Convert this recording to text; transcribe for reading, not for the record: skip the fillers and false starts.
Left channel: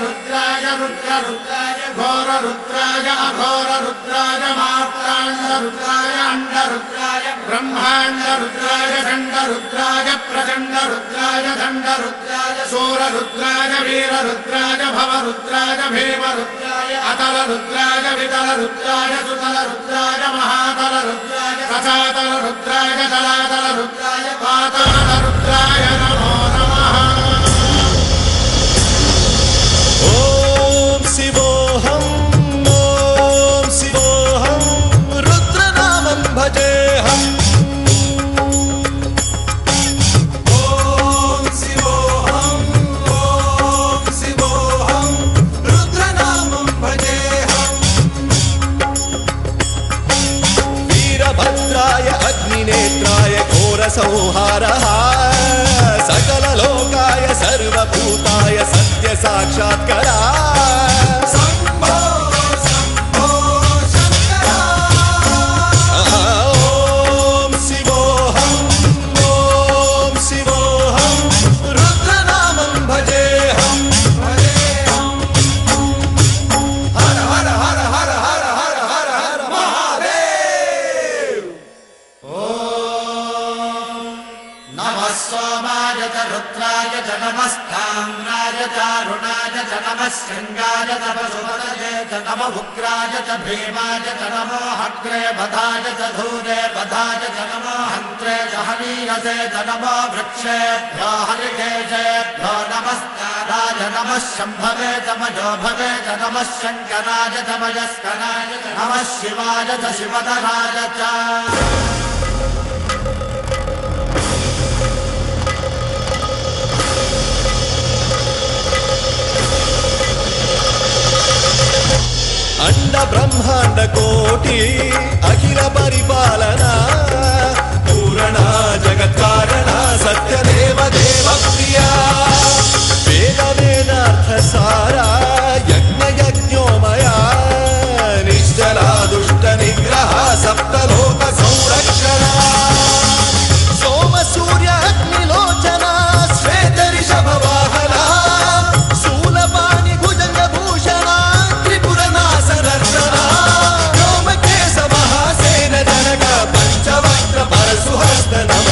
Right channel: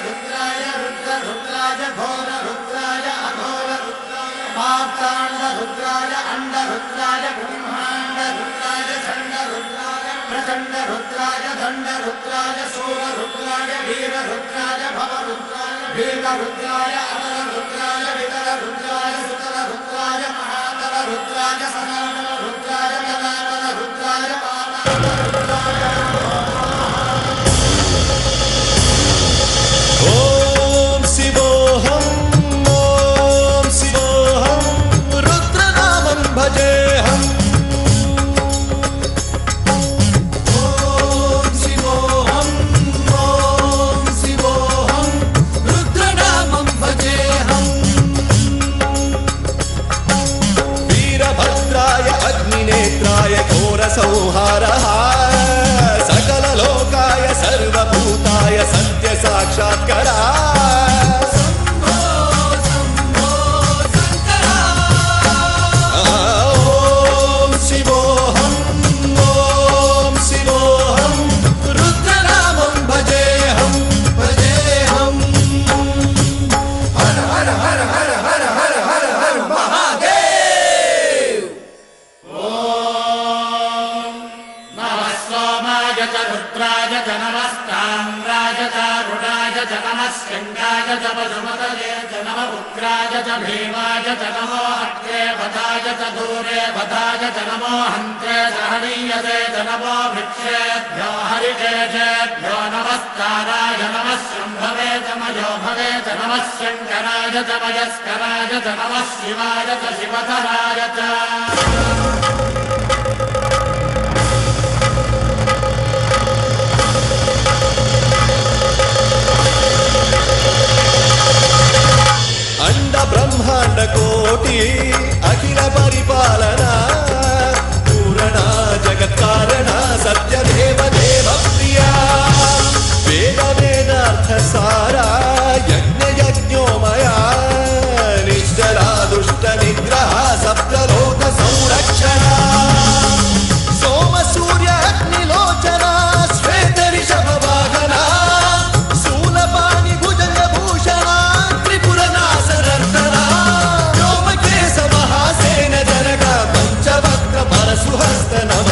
रुद्राय रुद्र रुद्राय घोर रुद्राय अघोर रुद्राय मात्रांड रुद्राय अंड रुद्राय ब्रह्मांड रुद्राय खंड रुद्राय प्रचंड रुद्राय दंड रुद्राय सूर रुद्राय वीर रुद्राय भव रुद्राय भीम रुद्राय अतल रुद्राय वितल रुद्राय सुतल रुद्राय महातल रुद्राय रसातल रुद्राय जलातल रुद्राय पातल रुद्राय नमो नमः। ओम शिवोऽहं रुद्रनामं भजेऽहम्। वीरभद्राय अग्निनेत्राय घोरसंहारः सकललोकाय सर्वभूताय सत्यसाक्षात्करा। ओम शिवोऽहं रुद्रनामं भजेऽहम्। हर हर हर हर हर हर हर हर महादेव। ओम नमः सोमाय च रुद्राय च नमस्ताम्राय च रुणाय च नमः शृंगाय च पशुपतये च नमः उग्राय च भीमाय च नमो अग्रे बधाय च धूरे बधाय च नमो हन्त्रे च हनीयसे च नमो वृक्षेभ्यो हरिकेशेभ्यो नमस्काराय नमः शम्भवे च मयोभवे च नमः शङ्कराय च मयस्कराय च नमः शिवाय च शिवधराय च। अंड ब्रह्मांड कोटि अखिल परिपालना पूरणा जगत्कारणा सत्यदेव देव प्रिया वेद वेदार्थ सारा यज्ञ यज्ञोमया निश्चला दुष्ट निग्रह सप्तलोक संरक्षणा सोम सूर्य अग्निलोचना श्वेत ऋषभ वाहना शूलपाणि भुजंग भूषणा व्योमकेश महासेन जनक पंचवक्त्र परशुहस्त नमः।